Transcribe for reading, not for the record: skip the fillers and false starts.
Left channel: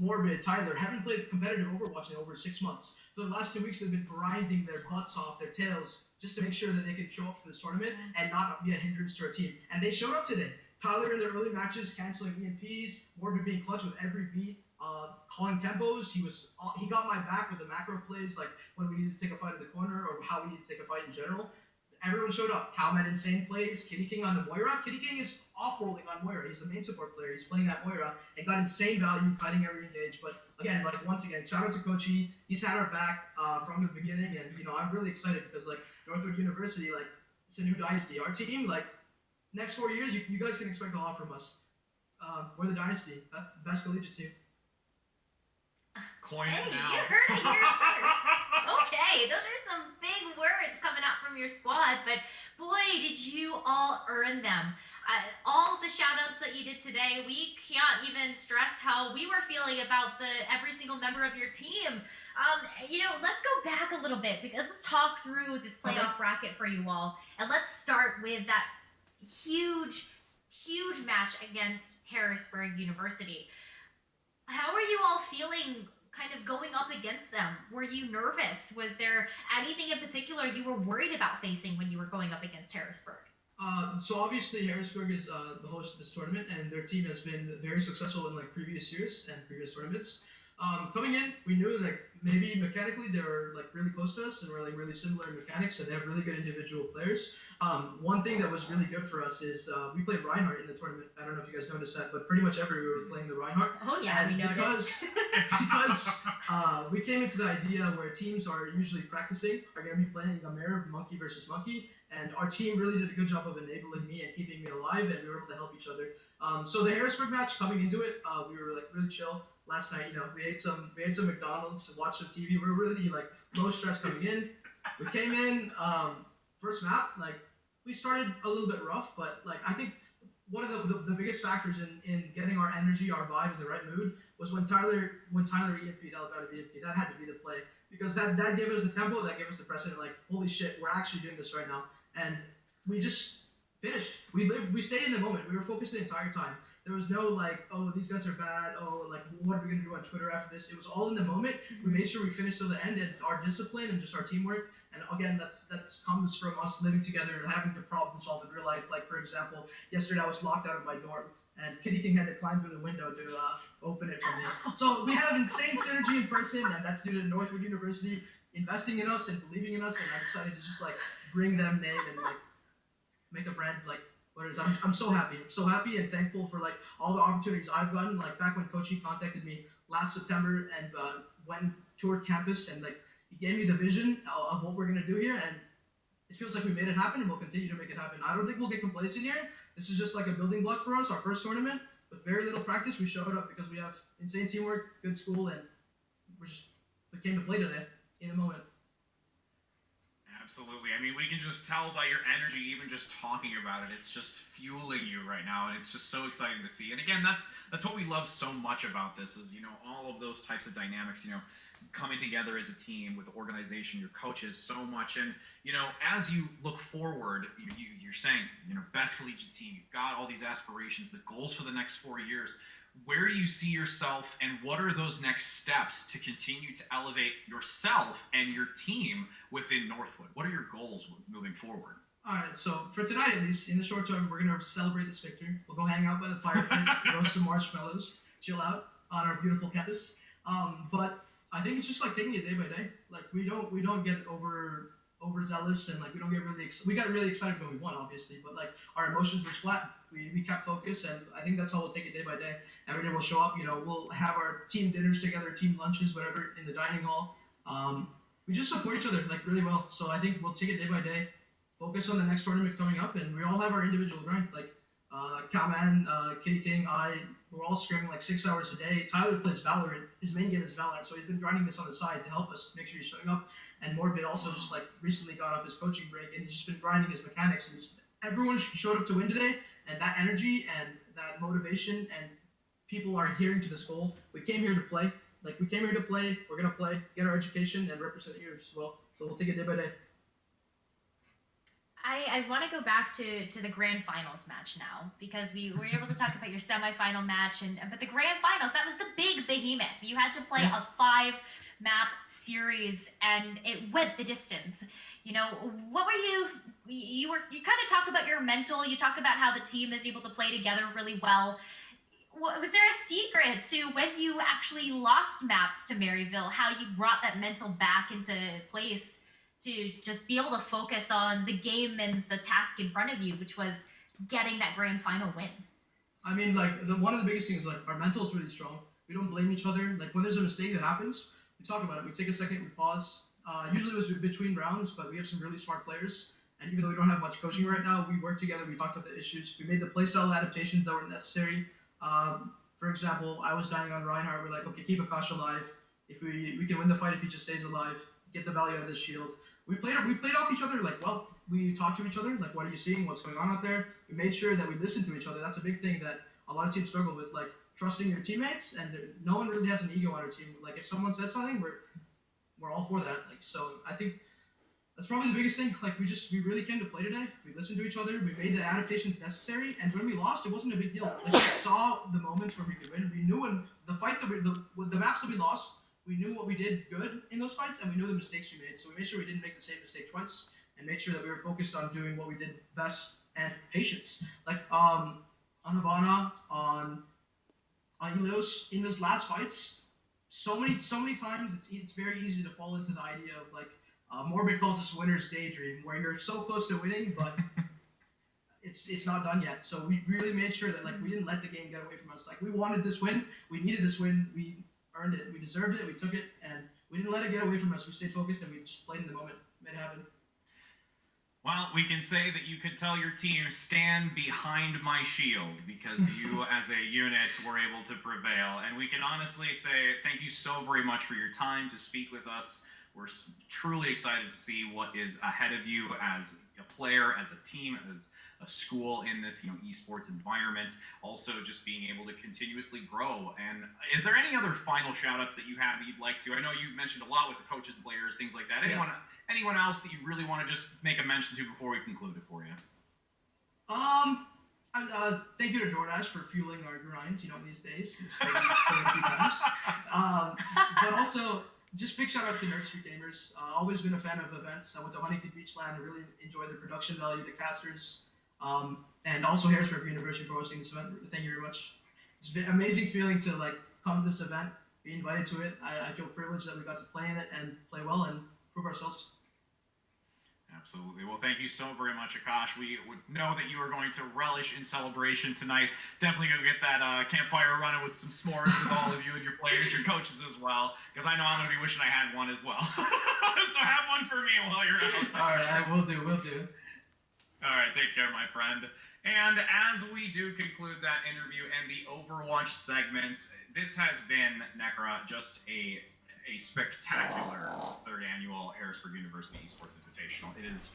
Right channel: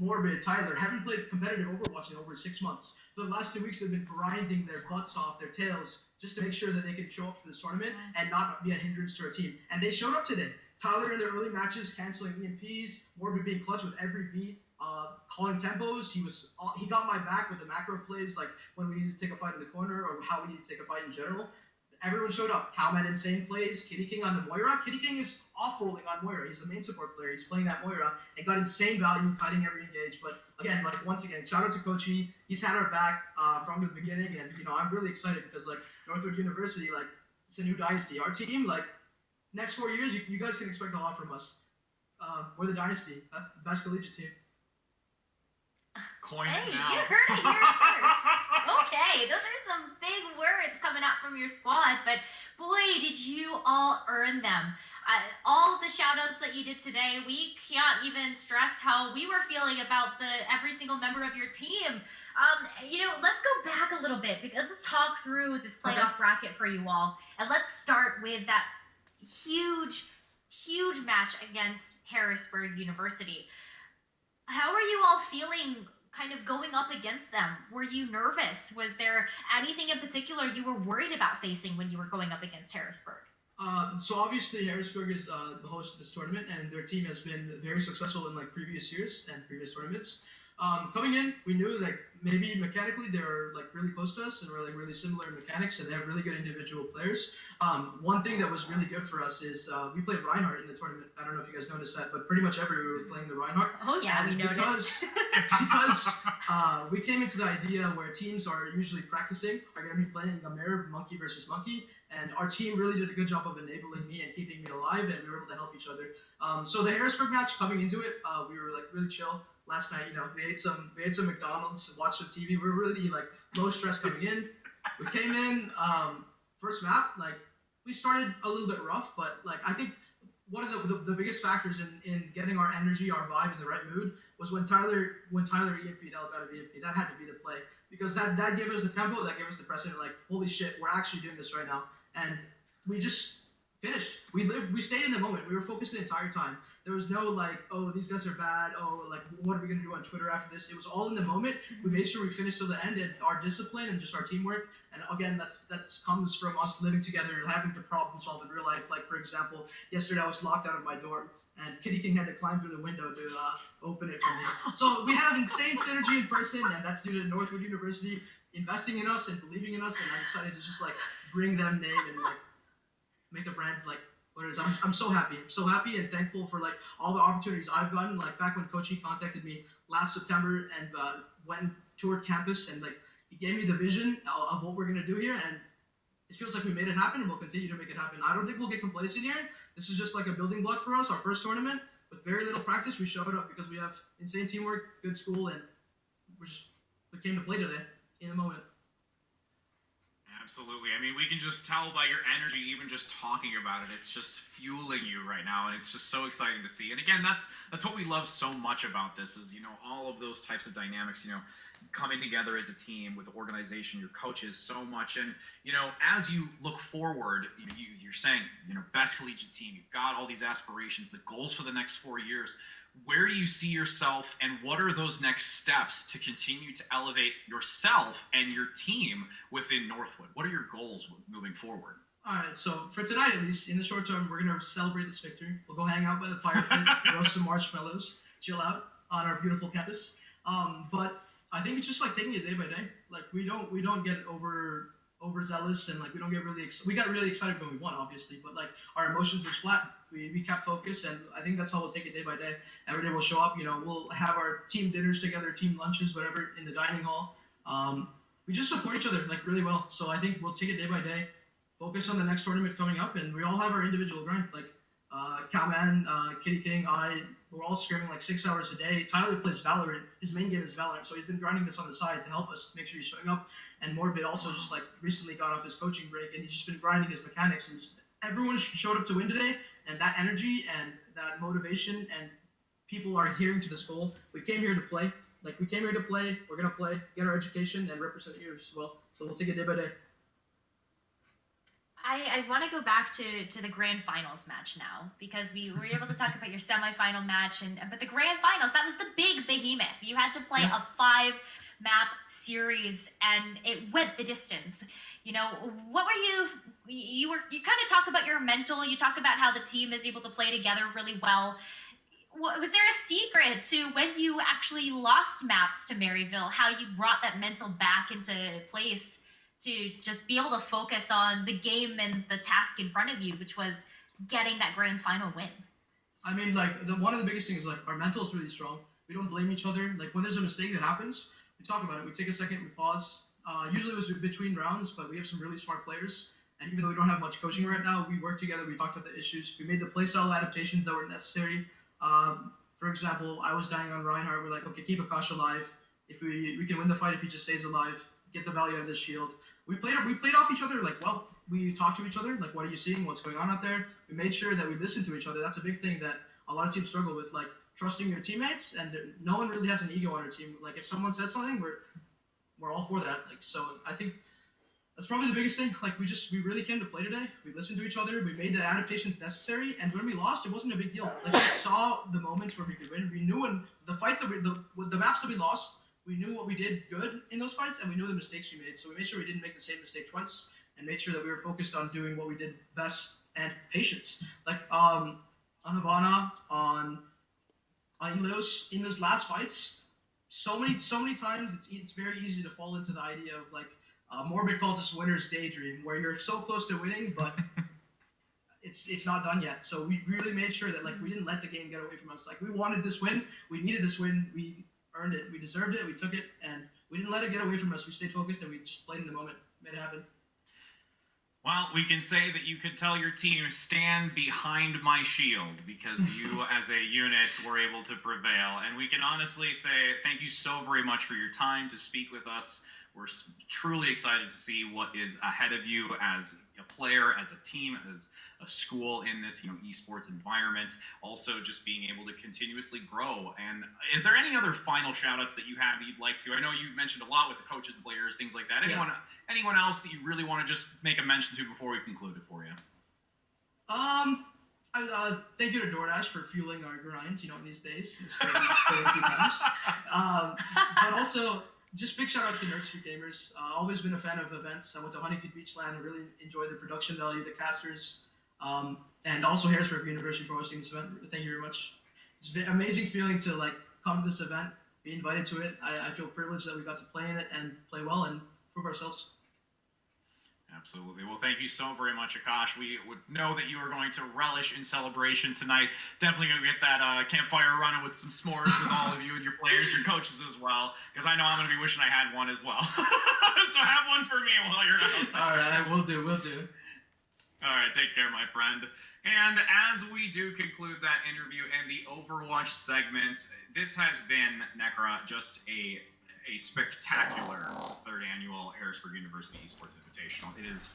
Morbid, Tyler haven't played competitive Overwatch in over 6 months. For the last 2 weeks, they've been grinding their butts off, their tails, just to make sure that they can show up for this tournament and not be a hindrance to our team. And they showed up today. Tyler in their early matches canceling EMPs, Morbid being clutch with every beat, calling tempos. He got my back with the macro plays, like when we needed to take a fight in the corner or how we need to take a fight in general. Everyone showed up. Cal had insane plays. Kitty King on the Moira. Kitty King is off-rolling on Moira. He's the main support player. He's playing that Moira and got insane value kiting every engage. But again, once again, shout out to Kochi. He's had our back from the beginning, and I'm really excited because Northwood University, it's a new dynasty. Our team, next 4 years, you guys can expect a lot from us. We're the dynasty, best collegiate team. Coin it now. You heard it here first. Okay, those are some big words coming out from your squad, but boy, did you all earn them. All the shout-outs that you did today, we can't even stress how we were feeling about every single member of your team. Let's go back a little bit, because let's talk through this playoff bracket for you all, and let's start with that huge match against Harrisburg University. How are you all feeling kind of going up against them? Were you nervous? Was there anything in particular you were worried about facing when you were going up against Harrisburg? So obviously Harrisburg is the host of this tournament, and their team has been very successful in previous years and previous tournaments. Coming in, we knew maybe mechanically they were really close to us and were really similar in mechanics, and they have really good individual players. One thing that was really good for us is we played Reinhardt in the tournament. I don't know if you guys noticed that, but pretty much everywhere we were playing the Reinhardt. Oh yeah, and we noticed. because we came into the idea where teams are usually practicing are going to be playing a mirror monkey versus monkey, and our team really did a good job of enabling me and keeping me alive, and we were able to help each other. So the Harrisburg match, coming into it, we were really chill. Last night, we ate some McDonald's, watched some TV. We were really low stress coming in. We came in, first map, we started a little bit rough, but I think one of the biggest factors in getting our energy, our vibe in the right mood was when Tyler EMP'd out of EMP. That had to be the play, because that gave us the tempo, that gave us the precedent. Holy shit, we're actually doing this right now, and we just finished. We stayed in the moment. We were focused the entire time. There was no oh, these guys are bad. Oh, what are we gonna do on Twitter after this? It was all in the moment. We made sure we finished to the end, and our discipline and just our teamwork. And again, that comes from us living together and having to problem solve in real life. For example, yesterday I was locked out of my dorm, and Kitty King had to climb through the window to open it for me. So we have insane synergy in person, and that's due to Northwood University investing in us and believing in us. And I'm excited to just bring them name and make a brand what it is. I'm so happy. I'm so happy and thankful for all the opportunities I've gotten. Back when Kochi contacted me last September and went toured campus, and he gave me the vision of what we're gonna do here, and it feels like we made it happen, and we'll continue to make it happen. I don't think we'll get complacent here. This is just a building block for us. Our first tournament with very little practice, we showed up because we have insane teamwork, good school, and we came to play today in the moment. Absolutely. I mean, we can just tell by your energy, even just talking about it. It's just fueling you right now, and it's just so exciting to see. And again, that's what we love so much about this is, all of those types of dynamics, coming together as a team with organization, your coaches, so much. And, as you look forward, you're saying, best collegiate team, you've got all these aspirations, the goals for the next 4 years. Where do you see yourself, and what are those next steps to continue to elevate yourself and your team within Northwood? What are your goals moving forward? All right, so for tonight, at least in the short term, we're going to celebrate this victory. We'll go hang out by the fire pit, roast some marshmallows, chill out on our beautiful campus. But I think it's just taking it day by day. We don't get overzealous, and we don't get really we got really excited when we won, obviously, but our emotions were flat. We kept focused, and I think that's how we'll take it day by day. Every day we'll show up. We'll have our team dinners together, team lunches, whatever, in the dining hall. We just support each other really well. So I think we'll take it day by day, focus on the next tournament coming up, and we all have our individual grind. Cowman, Kitty King, we're all screaming 6 hours a day. Tyler plays Valorant. His main game is Valorant, so he's been grinding this on the side to help us make sure he's showing up. And Morbid also just recently got off his coaching break, and he's just been grinding his mechanics. And everyone showed up to win today, and that energy and that motivation, and people are adhering to this goal. We came here to play. We came here to play. We're gonna play, get our education, and represent here as well. So we'll take it day by day. I want to go back to the grand finals match now because we were able to talk about your semifinal match but the grand finals, that was the big behemoth. You had to play Yeah. a 5 map series and it went the distance. You know, what were you kind of talk about your mental, you talk about how the team is able to play together really well. Was there a secret to when you actually lost maps to Maryville, how you brought that mental back into place to just be able to focus on the game and the task in front of you, which was getting that grand final win? I mean, like one of the biggest things is like our mental is really strong. We don't blame each other. Like when there's a mistake that happens, we talk about it. We take a second, we pause. Usually it was between rounds, but we have some really smart players. And even though we don't have much coaching right now, we work together. We talked about the issues. We made the playstyle adaptations that were necessary. For example, I was dying on Reinhardt. We're like, okay, keep Akash alive. If we can win the fight if he just stays alive, get the value out of this shield. We played off each other like well. We talked to each other like, what are you seeing? What's going on out there? We made sure that we listened to each other. That's a big thing that a lot of teams struggle with, like trusting your teammates. And no one really has an ego on our team. Like if someone says something, we're all for that. Like so, I think that's probably the biggest thing. Like we really came to play today. We listened to each other. We made the adaptations necessary. And when we lost, it wasn't a big deal. Like we saw the moments where we could win. We knew when the fights that the maps that we lost. We knew what we did good in those fights, and we knew the mistakes we made. So we made sure we didn't make the same mistake twice, and made sure that we were focused on doing what we did best and patience. Like on Havana, on Elios, in those last fights, so many times it's very easy to fall into the idea of like Morbid calls this winner's daydream, where you're so close to winning, but it's not done yet. So we really made sure that like we didn't let the game get away from us. Like we wanted this win, we needed this win, we earned it, we deserved it, we took it, and we didn't let it get away from us. We stayed focused and we just played in the moment, made it happen. Well, we can say that you could tell your team, stand behind my shield, because you as a unit were able to prevail. And we can honestly say thank you so very much for your time to speak with us. We're truly excited to see what is ahead of you as a player, as a team, as a school in this, esports environment. Also, just being able to continuously grow. And is there any other final shout-outs that you have that you'd like to? I know you mentioned a lot with the coaches and players, things like that. Anyone else that you really want to just make a mention to before we conclude it for you? Thank you to DoorDash for fueling our grinds, these days. It's crazy, a few times. But also, just big shout out to Nerd Street Gamers. Always been a fan of events. I went to Huntington Beach Land. I really enjoyed the production value, the casters, and also Harrisburg University for hosting this event. Thank you very much. It's been an amazing feeling to like come to this event, be invited to it. I feel privileged that we got to play in it and play well and prove ourselves. Absolutely. Well, thank you so very much, Akash. We would know that you are going to relish in celebration tonight. Definitely going to get that campfire running with some s'mores with all of you and your players, your coaches as well, because I know I'm going to be wishing I had one as well. So have one for me while you're out. All right, we'll do. All right, take care, my friend. And as we do conclude that interview and the Overwatch segment, this has been, Nekra, just a spectacular third annual Harrisburg University Esports Invitational. It is